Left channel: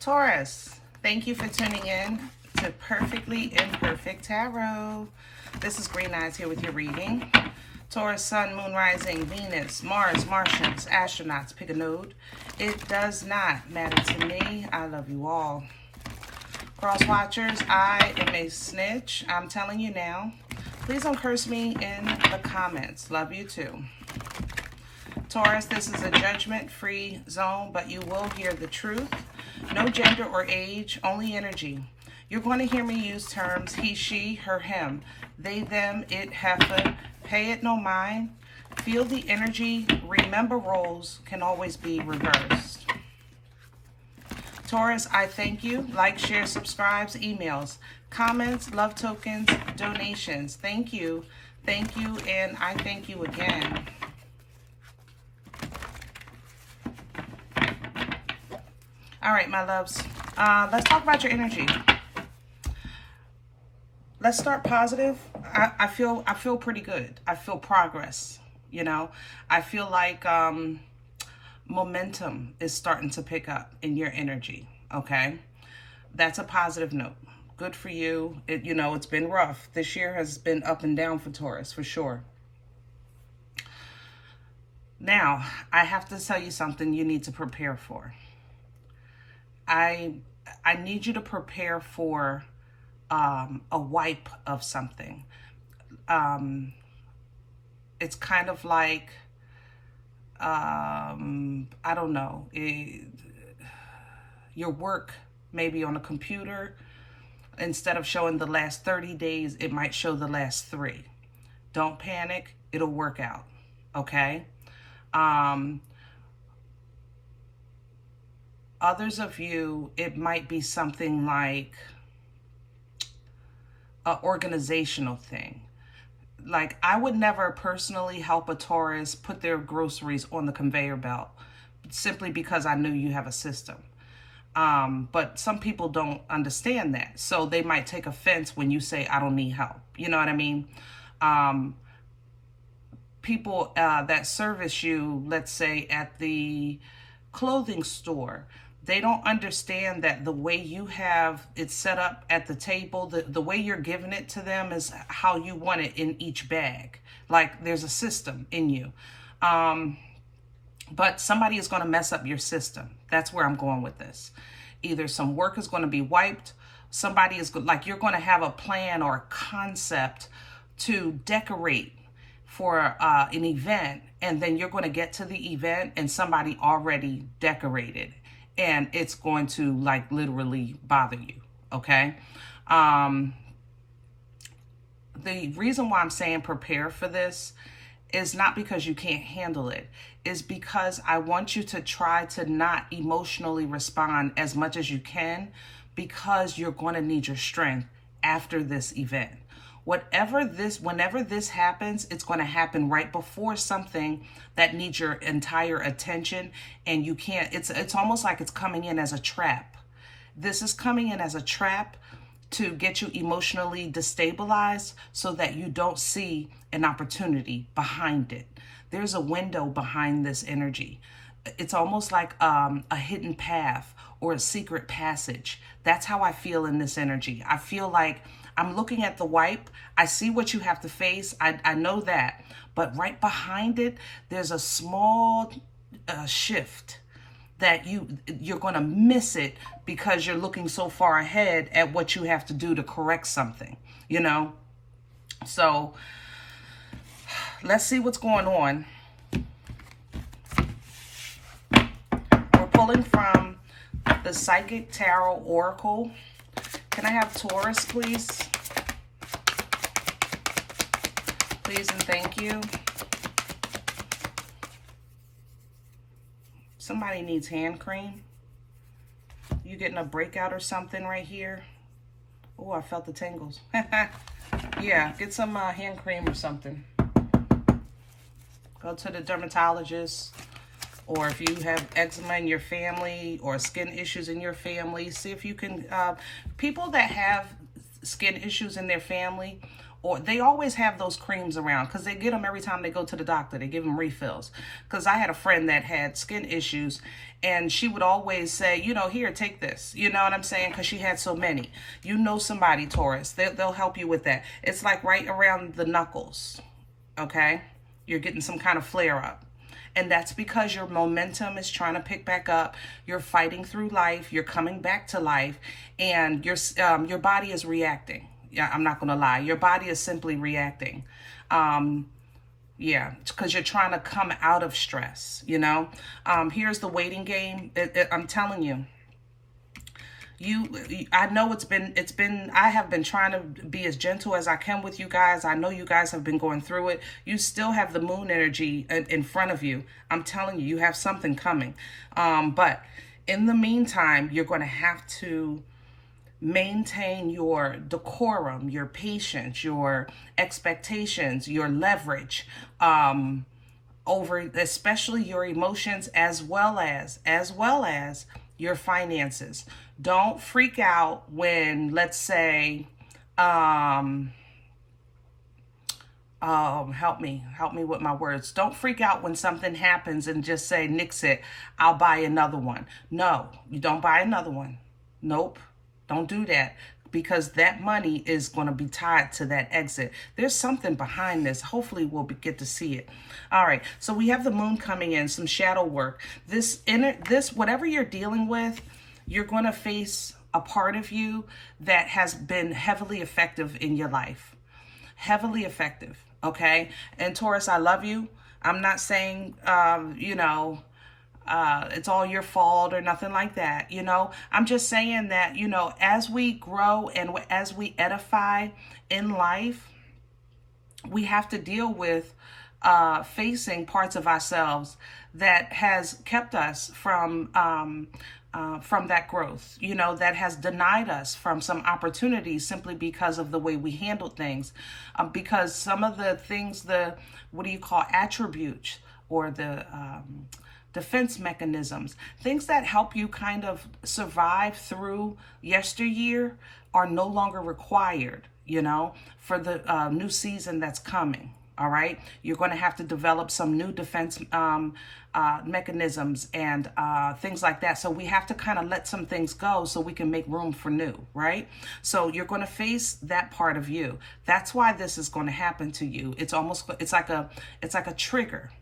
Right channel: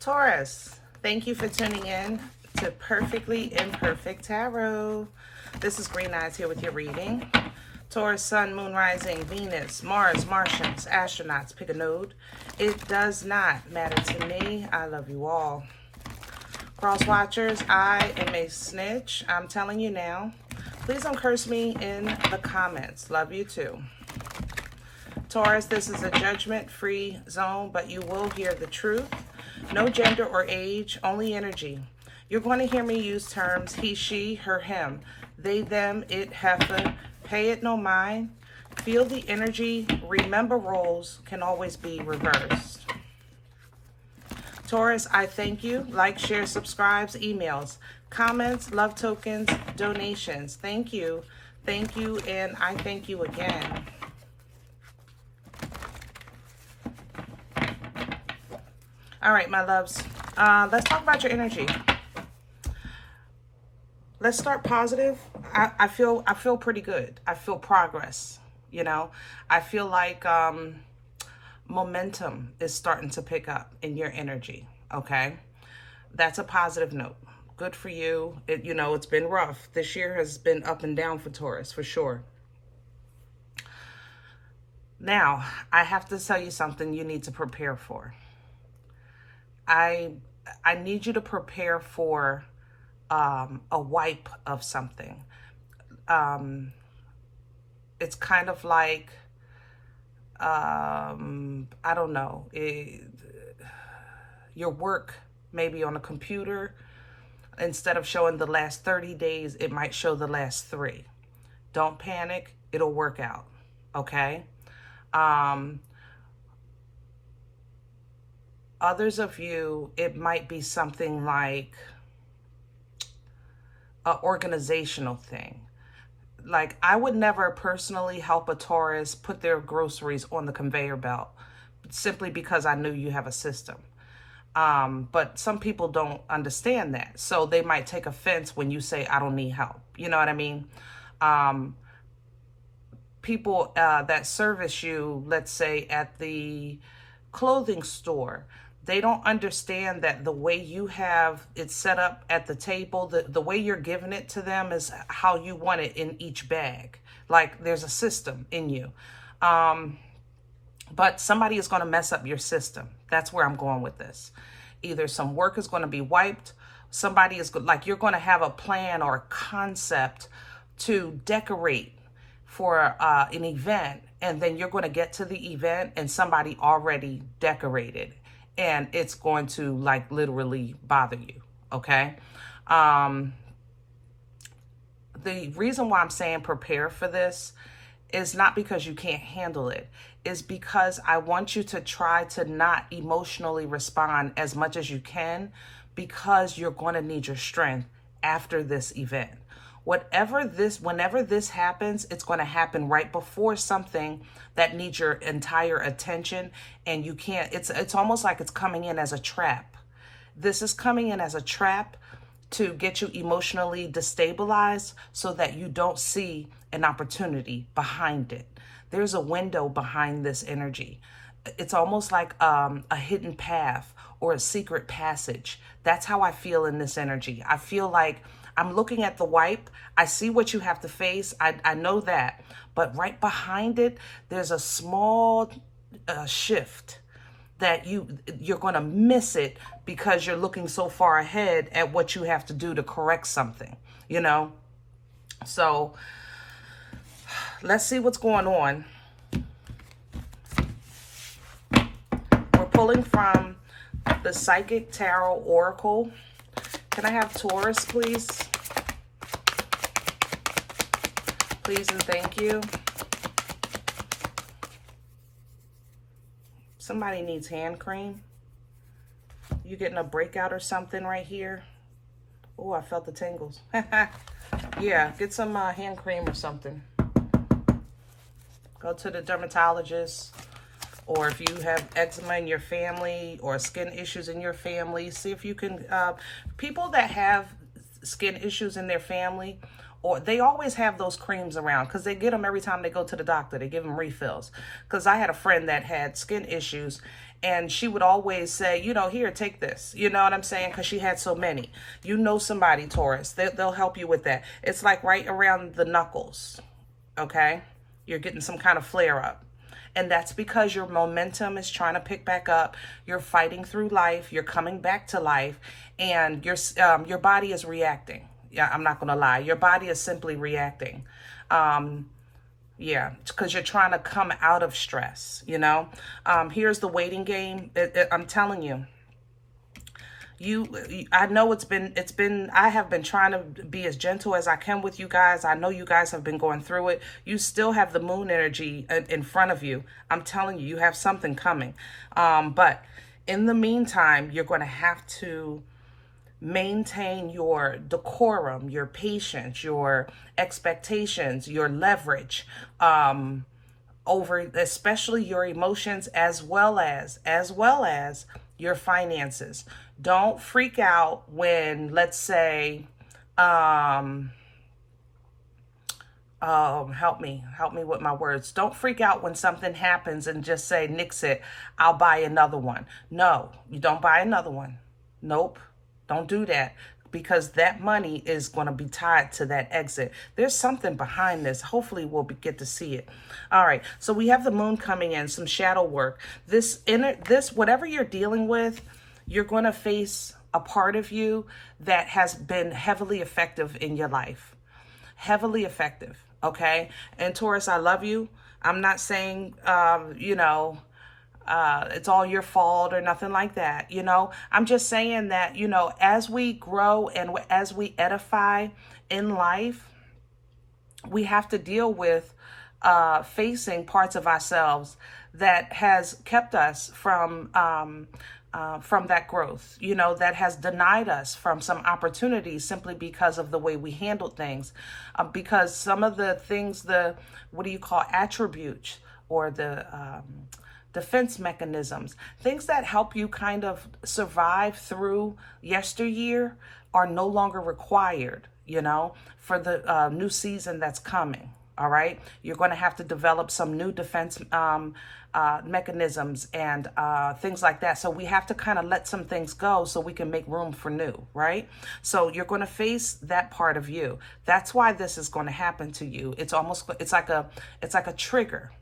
Taurus, thank you for tuning in to Perfectly Imperfect Tarot. This is Green Eyes here with your reading. Taurus, Sun, Moon, Rising, Venus, Mars, Martians, astronauts, pick a node. It does not matter to me. I love you all. Cross watchers, I am a snitch. I'm telling you now. Please don't curse me in the comments. Love you too. Taurus, this is a judgment-free zone, but you will hear the truth. No gender or age, only energy. You're going to hear me use terms he, she, her, him, they, them, it, heifer, pay it no mind. Feel the energy. Remember, roles can always be reversed. Taurus, I thank you. Like, share, subscribes, emails, comments, love tokens, donations. Thank you. Thank you, and I thank you again. All right, my loves. Let's talk about your energy. Let's start positive. I feel pretty good. I feel progress. You know, I feel like momentum is starting to pick up in your energy. Okay, that's a positive note. Good for you. You know, it's been rough. This year has been up and down for Taurus, for sure. Now, I have to tell you something you need to prepare for. I need you to prepare for a wipe of something. It's kind of like, I don't know, your work maybe on a computer, instead of showing the last 30 days, it might show the last 3. Don't panic. It'll work out. Okay? Others of you, it might be something like an organizational thing. Like, I would never personally help a Taurus put their groceries on the conveyor belt simply because I knew you have a system. But some people don't understand that. So they might take offense when you say, I don't need help. You know what I mean? People that service you, let's say at the clothing store, they don't understand that the way you have it set up at the table, the way you're giving it to them is how you want it in each bag. Like, there's a system in you. But somebody is going to mess up your system. That's where I'm going with this. Either some work is going to be wiped. Somebody is like, you're going to have a plan or a concept to decorate for an event. And then you're going to get to the event and somebody already decorated. And it's going to, like, literally bother you, okay? The reason why I'm saying prepare for this is not because you can't handle it. Is because I want you to try to not emotionally respond as much as you can, because you're going to need your strength after this event. Whenever this happens, it's going to happen right before something that needs your entire attention, and you can't, it's almost like it's coming in as a trap. This is coming in as a trap to get you emotionally destabilized so that you don't see an opportunity behind it. There's a window behind this energy. It's almost like a hidden path or a secret passage. That's how I feel in this energy. I feel like I'm looking at the wipe. I see what you have to face. I know that. But right behind it, there's a small shift that you're going to miss it because you're looking so far ahead at what you have to do to correct something, you know? So let's see what's going on. We're pulling from the Psychic Tarot Oracle. Can I have Taurus, please? Please and thank you. Somebody needs hand cream. You getting a breakout or something right here? Oh, I felt the tingles. Yeah, get some hand cream or something. Go to the dermatologist. Or if you have eczema in your family or skin issues in your family, see if you can, people that have skin issues in their family, or they always have those creams around because they get them every time they go to the doctor. They give them refills. Because I had a friend that had skin issues And she would always say, you know, here, take this. You know what I'm saying? Because she had so many. You know somebody, Taurus. They'll help you with that. It's like right around the knuckles, okay? You're getting some kind of flare up. And that's because your momentum is trying to pick back up. You're fighting through life. You're coming back to life. And your body is reacting. Yeah, I'm not going to lie. Your body is simply reacting. Yeah, because you're trying to come out of stress, you know. Here's the waiting game. I'm telling you. I know I have been trying to be as gentle as I can with you guys. I know you guys have been going through it. You still have the moon energy in front of you. I'm telling you, you have something coming. But in the meantime, you're going to have to maintain your decorum, your patience, your expectations, your leverage, over especially your emotions as well as your finances. Don't freak out when, let's say, help me with my words. Don't freak out when something happens and just say, nix it, I'll buy another one. No, you don't buy another one. Nope. Don't do that, because that money is going to be tied to that exit. There's something behind this. Hopefully we'll get to see it. All right. So we have the moon coming in, some shadow work. This whatever you're dealing with, you're going to face a part of you that has been heavily effective in your life. Heavily effective. Okay. And Taurus, I love you. I'm not saying, you know, it's all your fault or nothing like that. You know, I'm just saying that, you know, as we grow and as we edify in life, we have to deal with facing parts of ourselves that has kept us from that growth, you know, that has denied us from some opportunities simply because of the way we handled things. Because some of the things, what do you call attributes, or the defense mechanisms, things that help you kind of survive through yesteryear, are no longer required, you know, for the new season that's coming. All right. You're going to have to develop some new defense mechanisms and things like that. So we have to kind of let some things go so we can make room for new. Right. So you're going to face that part of you. That's why this is going to happen to you. It's like a trigger.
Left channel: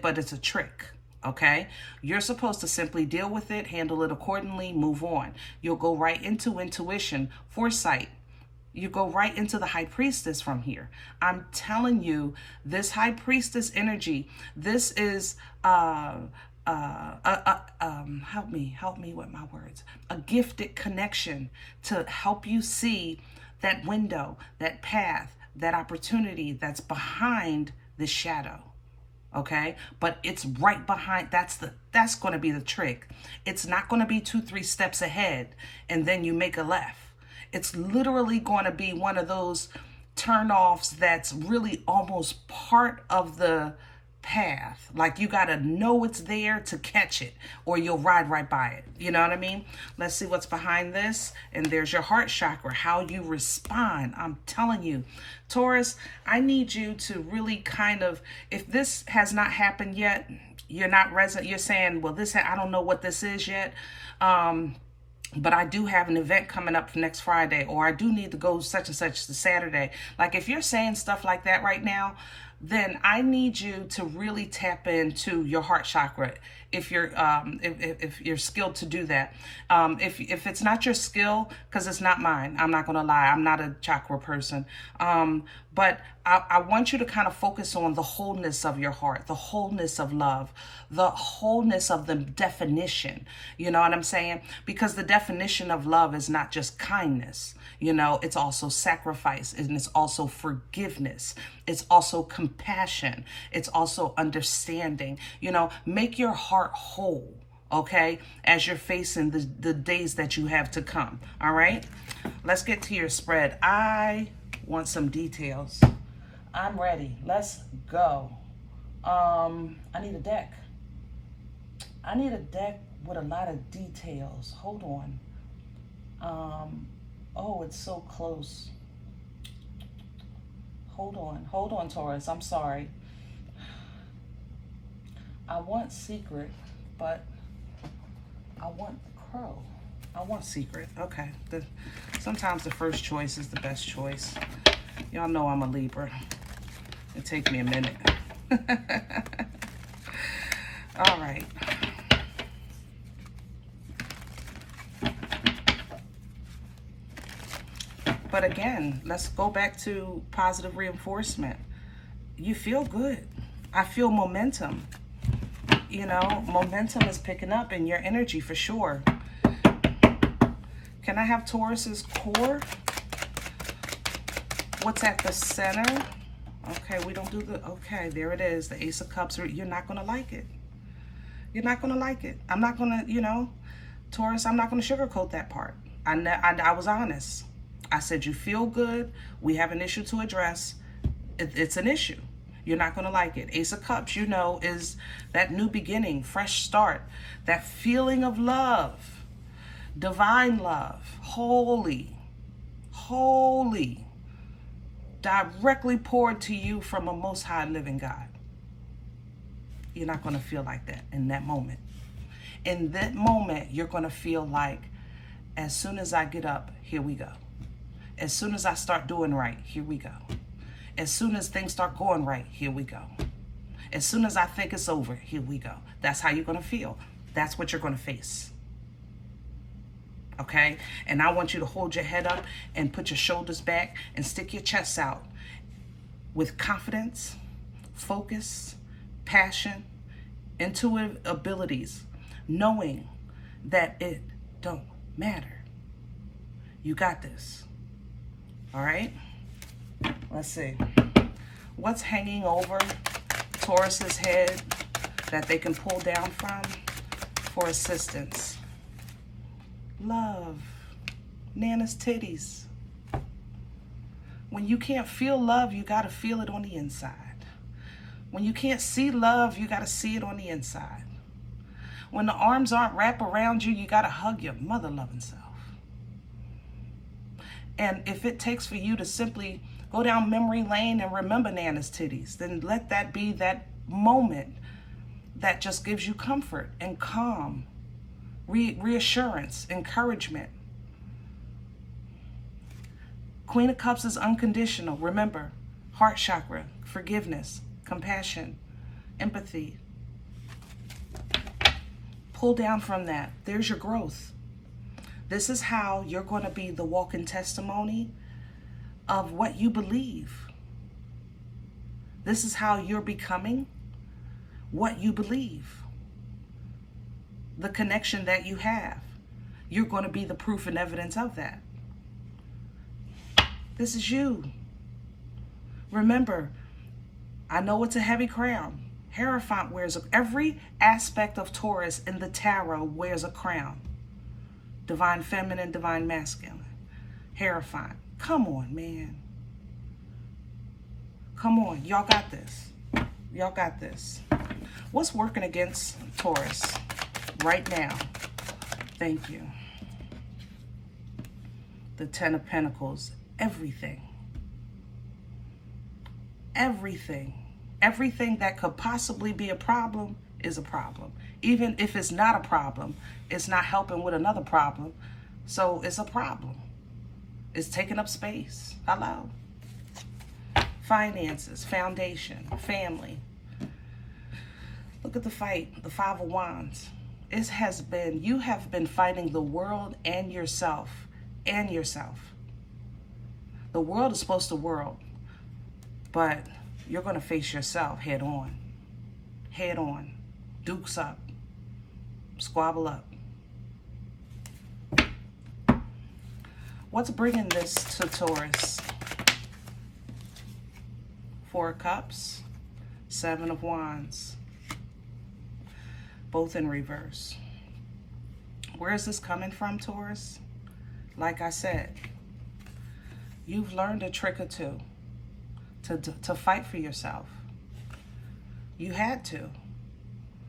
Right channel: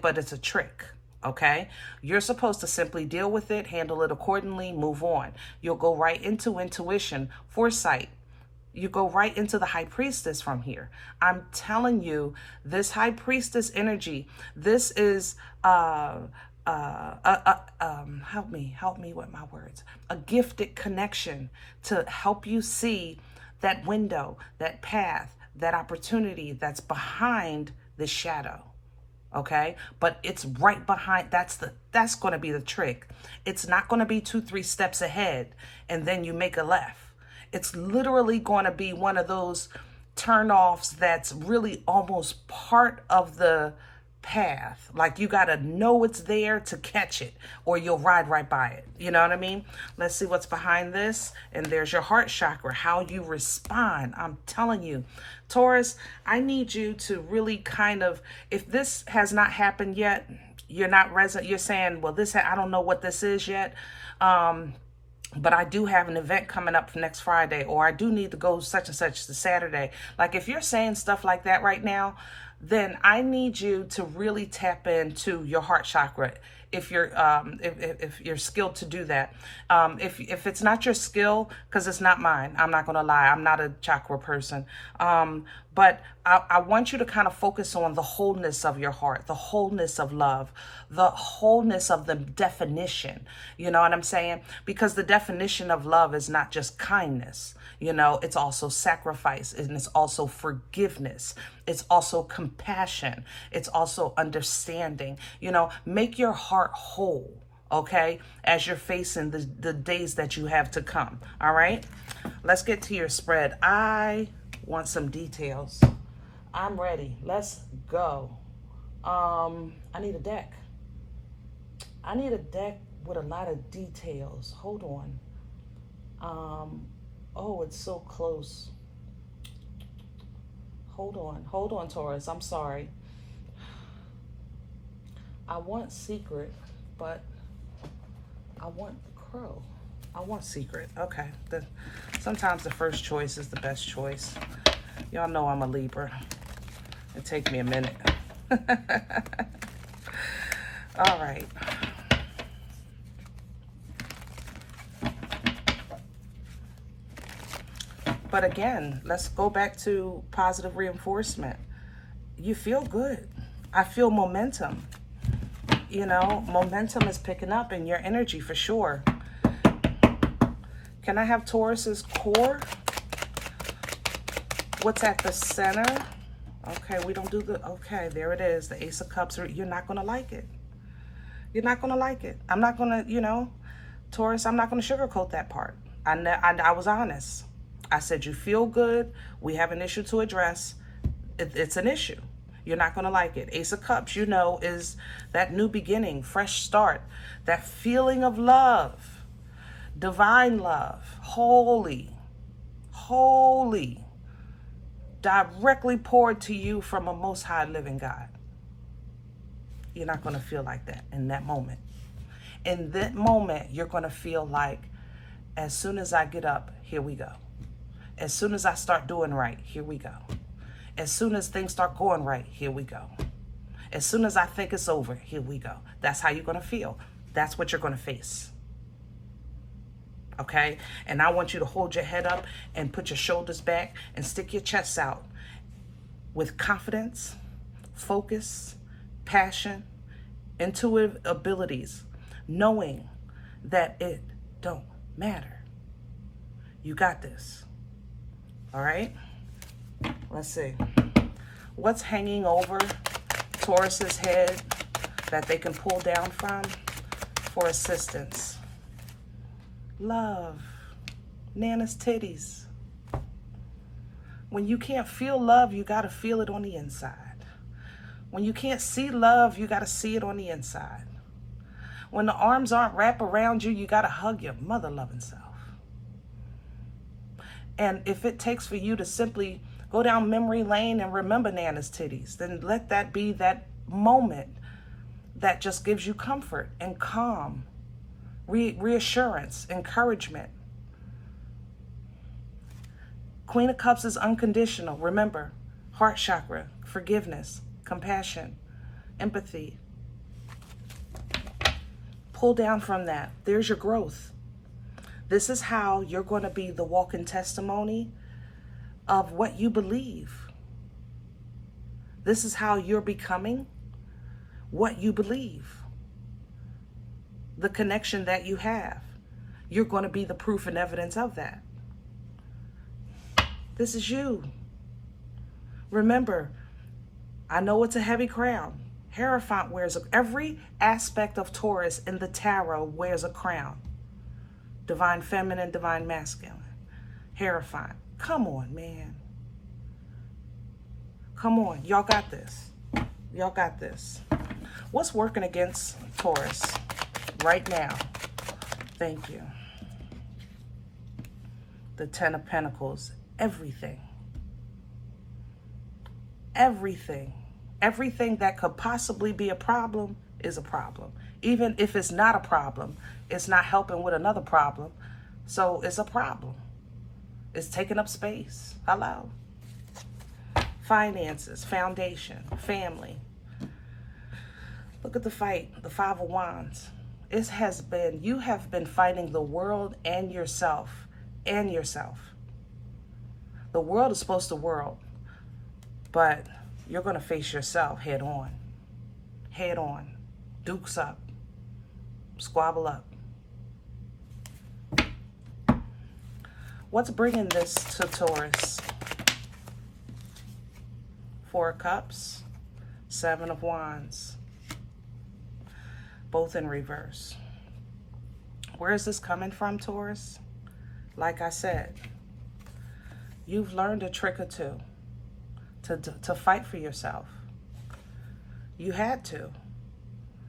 But it's a trick. Okay, you're supposed to simply deal with it, handle it accordingly, move on. You'll go right into intuition, foresight. You go right into the high priestess from here. I'm telling you, this high priestess energy, this is help me with my words. A gifted connection to help you see that window, that path, that opportunity that's behind the shadow. Okay, but it's right behind. That's going to be the trick. It's not going to be 2-3 steps ahead and then you make a left. It's literally going to be one of those turnoffs that's really almost part of the path. Like you got to know it's there to catch it, or you'll ride right by it. You know what I mean? Let's see what's behind this. And there's your heart chakra, how you respond. I'm telling you, Taurus, I need you to really kind of, if this has not happened yet, you're not resident. You're saying, well, I don't know what this is yet. But I do have an event coming up for next Friday, or I do need to go such and such to Saturday. Like if you're saying stuff like that right now, then I need you to really tap into your heart chakra. If you're skilled to do that, if it's not your skill, because it's not mine, I'm not gonna lie, I'm not a chakra person. But I want you to kind of focus on the wholeness of your heart, the wholeness of love, the wholeness of the definition. You know what I'm saying? Because the definition of love is not just kindness. You know, it's also sacrifice, and it's also forgiveness. It's also compassion. It's also understanding. You know, make your heart whole, okay, as you're facing the days that you have to come. All right, let's get to your spread. I want some details. I'm ready. Let's go. I need a deck. I need a deck with a lot of details. Hold on. Oh, it's so close. Hold on, Taurus. I'm sorry. I want secret, but I want the crow. I want secret. Okay. Sometimes the first choice is the best choice. Y'all know I'm a Libra. It takes me a minute. All right. But again, let's go back to positive reinforcement. You feel good. I feel momentum. You know, momentum is picking up in your energy for sure. Can I have Taurus's core? What's at the center? Okay, we don't do the, okay, there it is. The Ace of Cups. You're not going to like it. You're not going to like it. I'm not going to, you know, Taurus, I'm not going to sugarcoat that part. I was honest. I said, you feel good. We have an issue to address. It's an issue. You're not going to like it. Ace of Cups, you know, is that new beginning, fresh start, that feeling of love, divine love, holy, directly poured to you from a most high living God. You're not going to feel like that in that moment. In that moment, you're going to feel like, as soon as I get up, here we go. As soon as I start doing right, here we go. As soon as things start going right, here we go. As soon as I think it's over, here we go. That's how you're going to feel. That's what you're going to face. Okay? And I want you to hold your head up and put your shoulders back and stick your chest out with confidence, focus, passion, intuitive abilities, knowing that it don't matter. You got this. All right? Let's see. What's hanging over Taurus's head that they can pull down from for assistance? Love. Nana's titties. When you can't feel love, you got to feel it on the inside. When you can't see love, you got to see it on the inside. When the arms aren't wrapped around you, you got to hug your mother-loving self. And if it takes for you to simply go down memory lane and remember Nana's titties, then let that be that moment that just gives you comfort and calm, reassurance, encouragement. Queen of Cups is unconditional. Remember, heart chakra, forgiveness, compassion, empathy. Pull down from that. There's your growth. This is how you're going to be the walking testimony of what you believe. This is how you're becoming what you believe. The connection that you have. You're going to be the proof and evidence of that. This is you. Remember, I know it's a heavy crown. Hierophant wears every aspect of Taurus in the tarot wears a crown. Divine feminine, divine masculine. Hierophant. Come on, man. Come on. Y'all got this. Y'all got this. What's working against Taurus right now? Thank you. The Ten of Pentacles. Everything. Everything. Everything that could possibly be a problem is a problem. Even if it's not a problem, it's not helping with another problem. So it's a problem. It's taking up space. Hello. Finances, foundation, family. Look at the fight, the Five of Wands. It has been, you have been fighting the world and yourself. The world is supposed to world, but you're going to face yourself head on. Head on. Dukes up. Squabble up. What's bringing this to Taurus? Four of Cups, Seven of Wands, both in reverse. Where is this coming from, Taurus? Like I said, you've learned a trick or two to fight for yourself. You had to,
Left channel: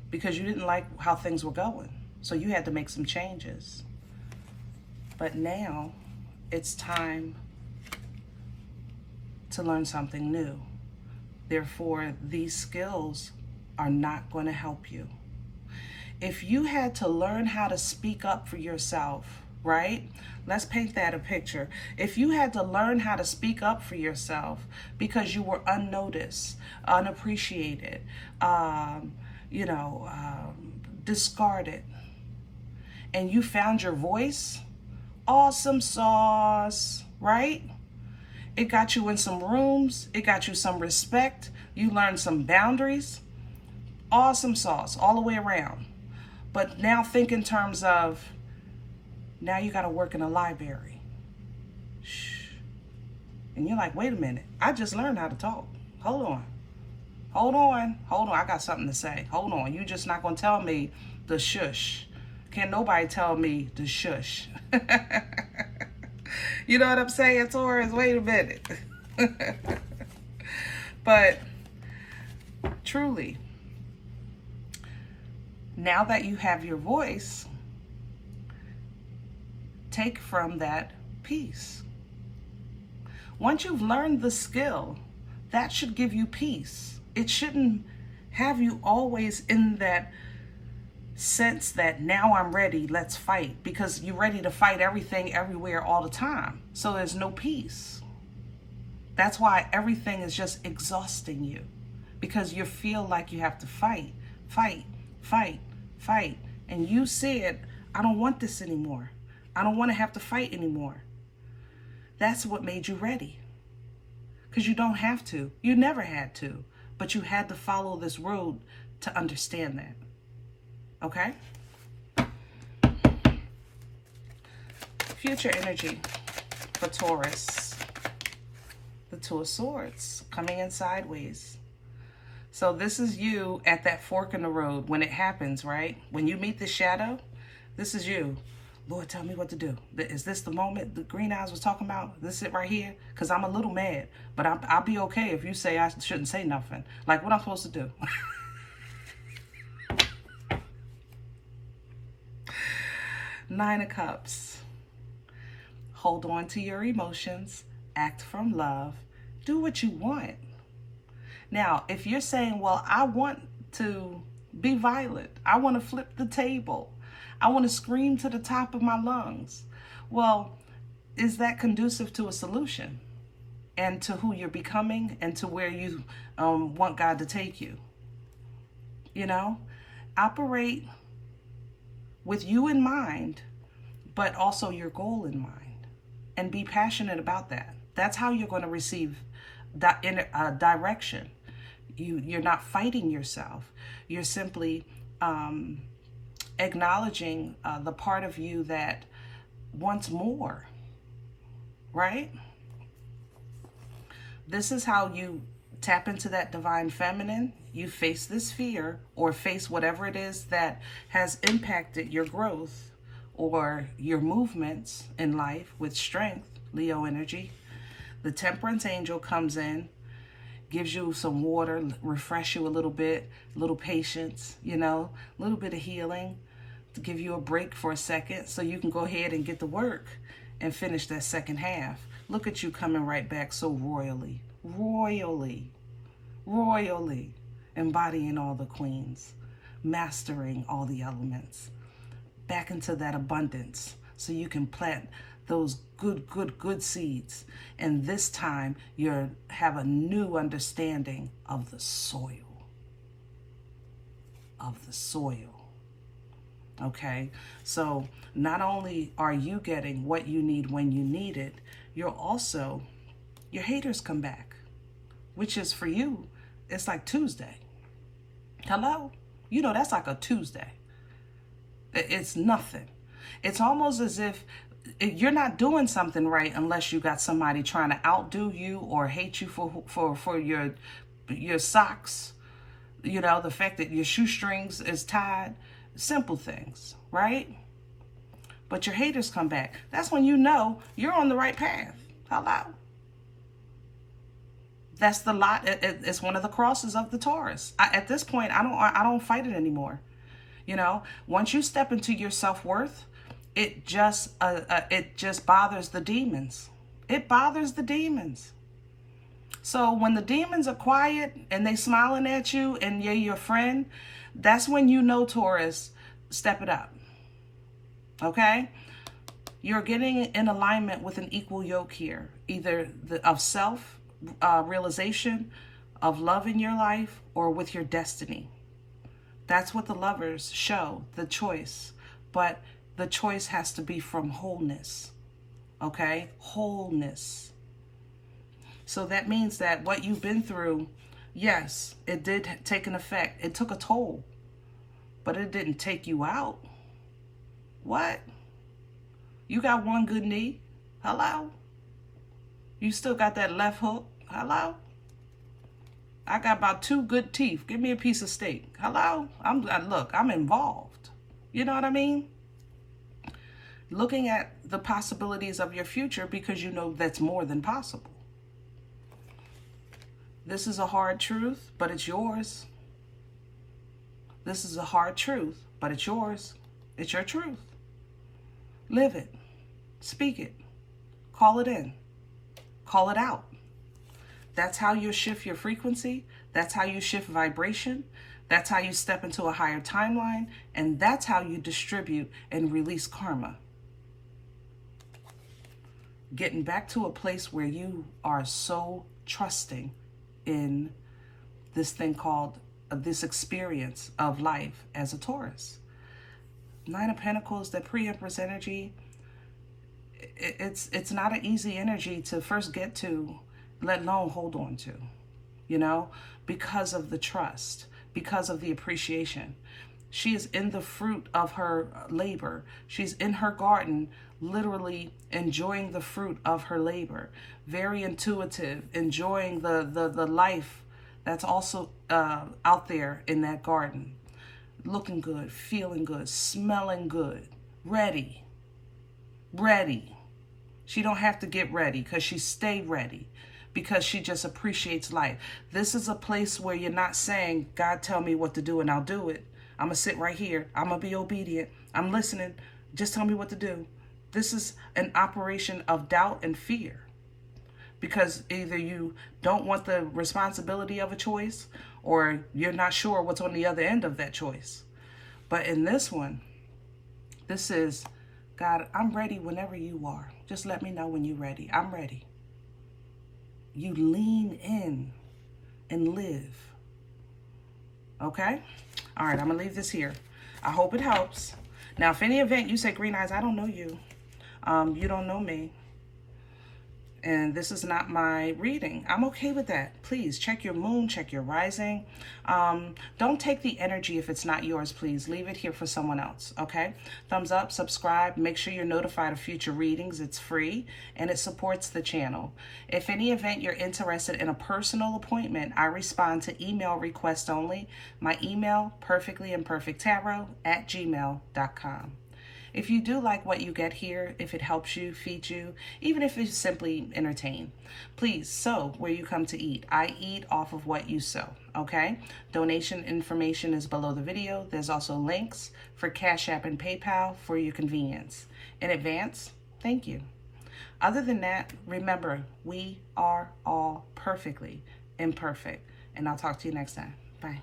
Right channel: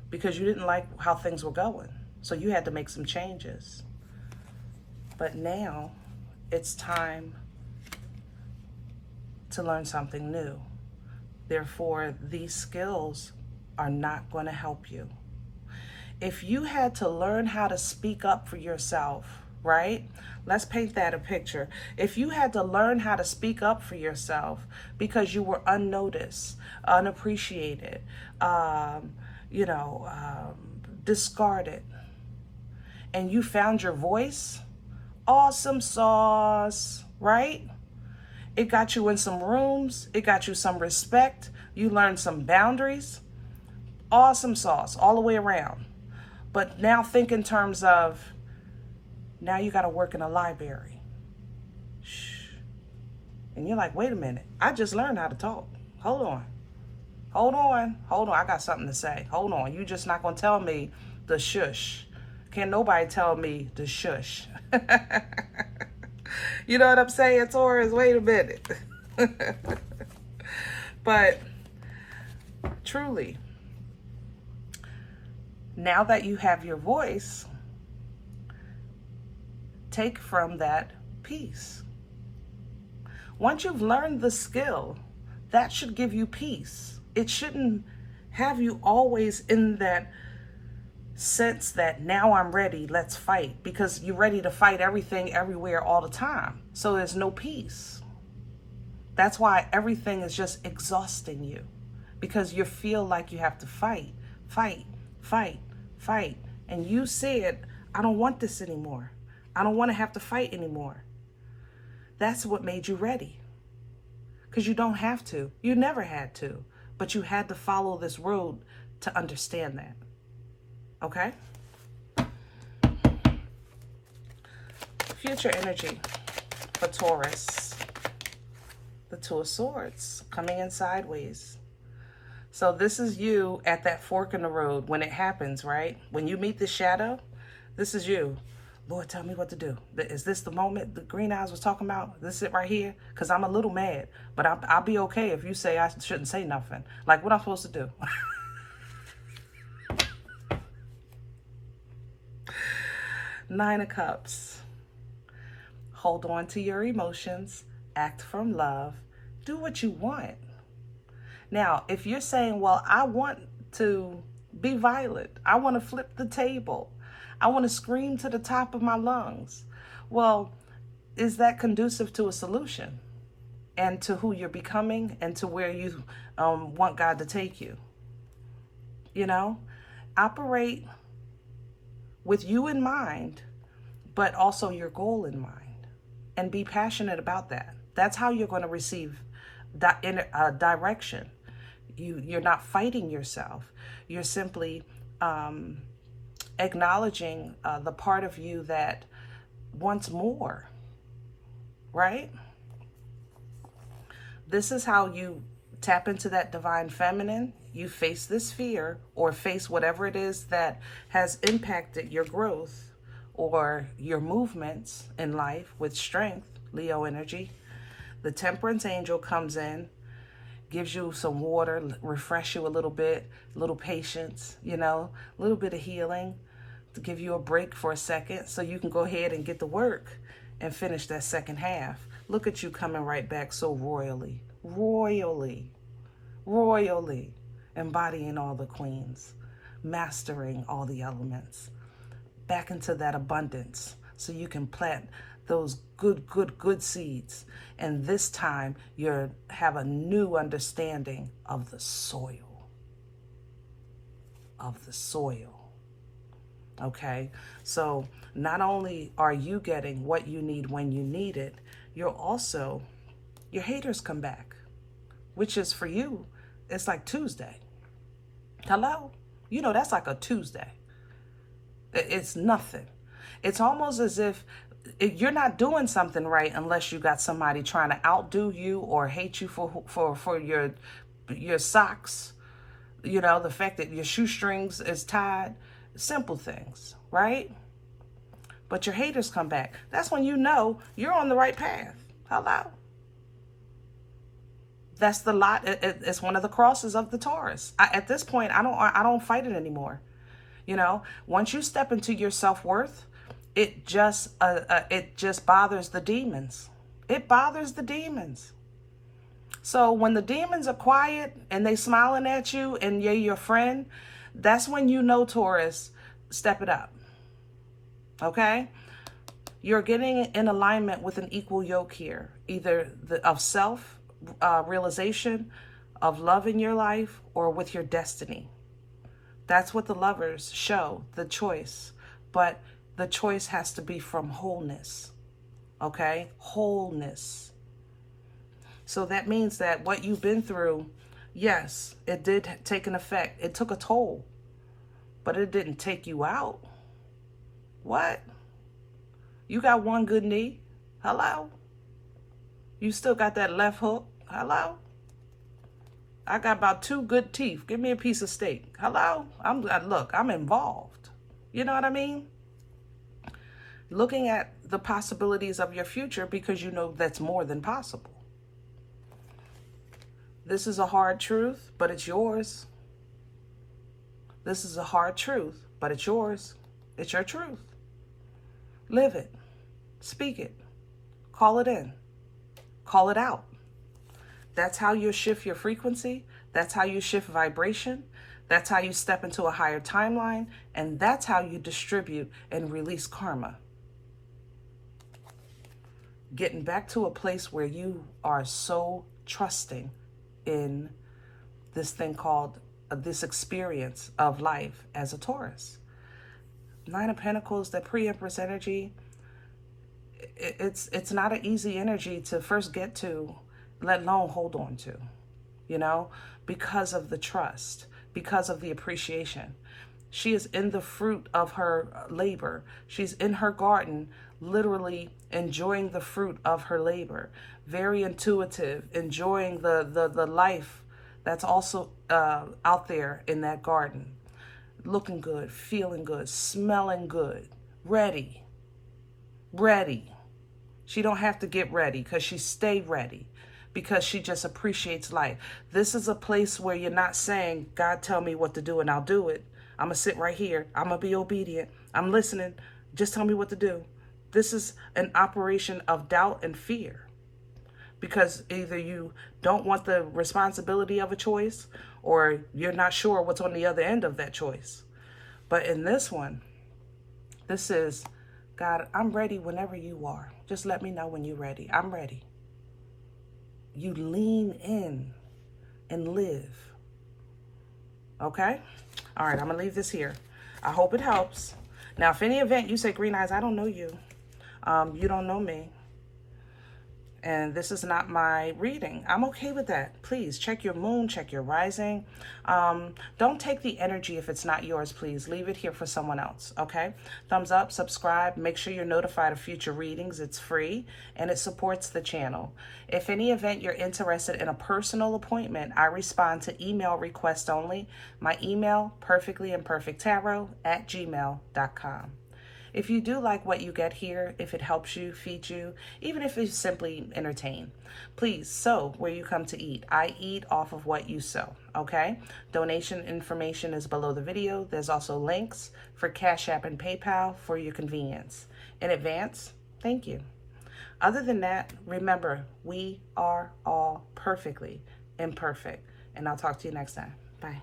because you didn't like how things were going. So you had to make some changes. But now it's time to learn something new. Therefore, these skills are not going to help you. if you had to learn how to speak up for yourself, right? Let's paint that a picture. If you had to learn how to speak up for yourself because you were unnoticed, unappreciated, discarded, and you found your voice, awesome sauce, right? It got you in some rooms. It got you some respect. You learned some boundaries. Awesome sauce all the way around. But now think in terms of, now you got to work in a library. Shh. And you're like, wait a minute. I just learned how to talk. Hold on. I got something to say. Hold on. You're just not going to tell me the shush. Can't nobody tell me the shush. You know what I'm saying, Taurus? Wait a minute. But truly, now that you have your voice, take from that peace. Once you've learned the skill, that should give you peace. It shouldn't have you always in that sense that now I'm ready, let's fight, because you're ready to fight everything, everywhere, all the time. So there's no peace. That's why everything is just exhausting you, because you feel like you have to fight. And you said, I don't want this anymore. I don't want to have to fight anymore. That's what made you ready. Because you don't have to. You never had to. But you had to follow this road to understand that. Okay? Future energy for Taurus. The Two of Swords coming in sideways. So this is you at that fork in the road when it happens, right? When you meet the shadow, this is you. Lord, tell me what to do. Is this the moment the green eyes was talking about? This it right here? Because I'm a little mad, but I'll be okay if you say I shouldn't say nothing. Like, what I'm supposed to do? Nine of Cups. Hold on to your emotions. Act from love. Do what you want. Now, if you're saying, well, I want to be violent. I want to flip the table. I want to scream to the top of my lungs. Well, is that conducive to a solution and to who you're becoming and to where you want God to take you? You know, operate with you in mind, but also your goal in mind, and be passionate about that. That's how you're going to receive direction. You're not fighting yourself. You're simply acknowledging the part of you that wants more, right? This is how you tap into that divine feminine. You face this fear, or face whatever it is that has impacted your growth or your movements in life with strength, Leo energy. The Temperance angel comes in, gives you some water, refresh you a little bit, a little patience, you know, a little bit of healing to give you a break for a second so you can go ahead and get to work and finish that second half. Look at you coming right back so royally, embodying all the queens, mastering all the elements, back into that abundance so you can plant those good seeds. And this time you have a new understanding of the soil. Okay, so not only are you getting what you need when you need it, your haters come back, which is for you, it's like Tuesday. Hello? You know, that's like a Tuesday. It's nothing. It's almost as if you're not doing something right unless you got somebody trying to outdo you or hate you for your socks, you know, the fact that your shoestrings is tied, simple things, right? But your haters come back. That's when you know you're on the right path. Hello? That's the lot. It's one of the crosses of the Taurus. At this point, I don't fight it anymore. You know, once you step into your self-worth, it just bothers the demons. It bothers the demons. So when the demons are quiet and they smiling at you and you're your friend, that's when you know, Taurus, step it up. Okay? You're getting in alignment with an equal yoke here, either of self realization, of love in your life, or with your destiny. That's what the lovers show, the choice. But the choice has to be from wholeness. Okay? Wholeness. So that means that what you've been through, yes, it did take an effect. It took a toll. But it didn't take you out. What? You got one good knee? Hello? You still got that left hook? Hello? I got about 2 good teeth. Give me a piece of steak. Hello? Look, I'm involved. You know what I mean? Looking at the possibilities of your future because you know that's more than possible. This is a hard truth, but it's yours. This is a hard truth, but it's yours. It's your truth. Live it. Speak it. Call it in. Call it out. That's how you shift your frequency. That's how you shift vibration. That's how you step into a higher timeline. And that's how you distribute and release karma. Getting back to a place where you are so trusting in this thing called this experience of life as a Taurus. 9 of Pentacles, that pre-Empress energy, it's not an easy energy to first get to, let alone hold on to, you know, because of the trust, because of the appreciation. She is in the fruit of her labor. She's in her garden, literally enjoying the fruit of her labor. Very intuitive, enjoying the life that's also out there in that garden. Looking good, feeling good, smelling good, ready. She don't have to get ready because she stay ready, because she just appreciates life. This is a place where you're not saying, God, tell me what to do and I'll do it. I'm going to sit right here. I'm going to be obedient. I'm listening. Just tell me what to do. This is an operation of doubt and fear, because either you don't want the responsibility of a choice or you're not sure what's on the other end of that choice. But in this one, this is, God, I'm ready whenever you are. Just let me know when you're ready. I'm ready. You lean in and live. Okay? All right, I'm going to leave this here. I hope it helps. Now, if any event you say, Green Eyes, I don't know you. You don't know me. And this is not my reading. I'm okay with that. Please check your moon, check your rising. Don't take the energy if it's not yours, please. Leave it here for someone else, okay? Thumbs up, subscribe. Make sure you're notified of future readings. It's free and it supports the channel. If any event you're interested in a personal appointment, I respond to email requests only. My email, perfectlyimperfecttarot@gmail.com. If you do like what you get here, if it helps you, feeds you, even if it's simply entertain, please sow where you come to eat. I eat off of what you sow, okay? Donation information is below the video. There's also links for CashApp and PayPal for your convenience. In advance, thank you. Other than that, remember, we are all perfectly imperfect. And I'll talk to you next time. Bye.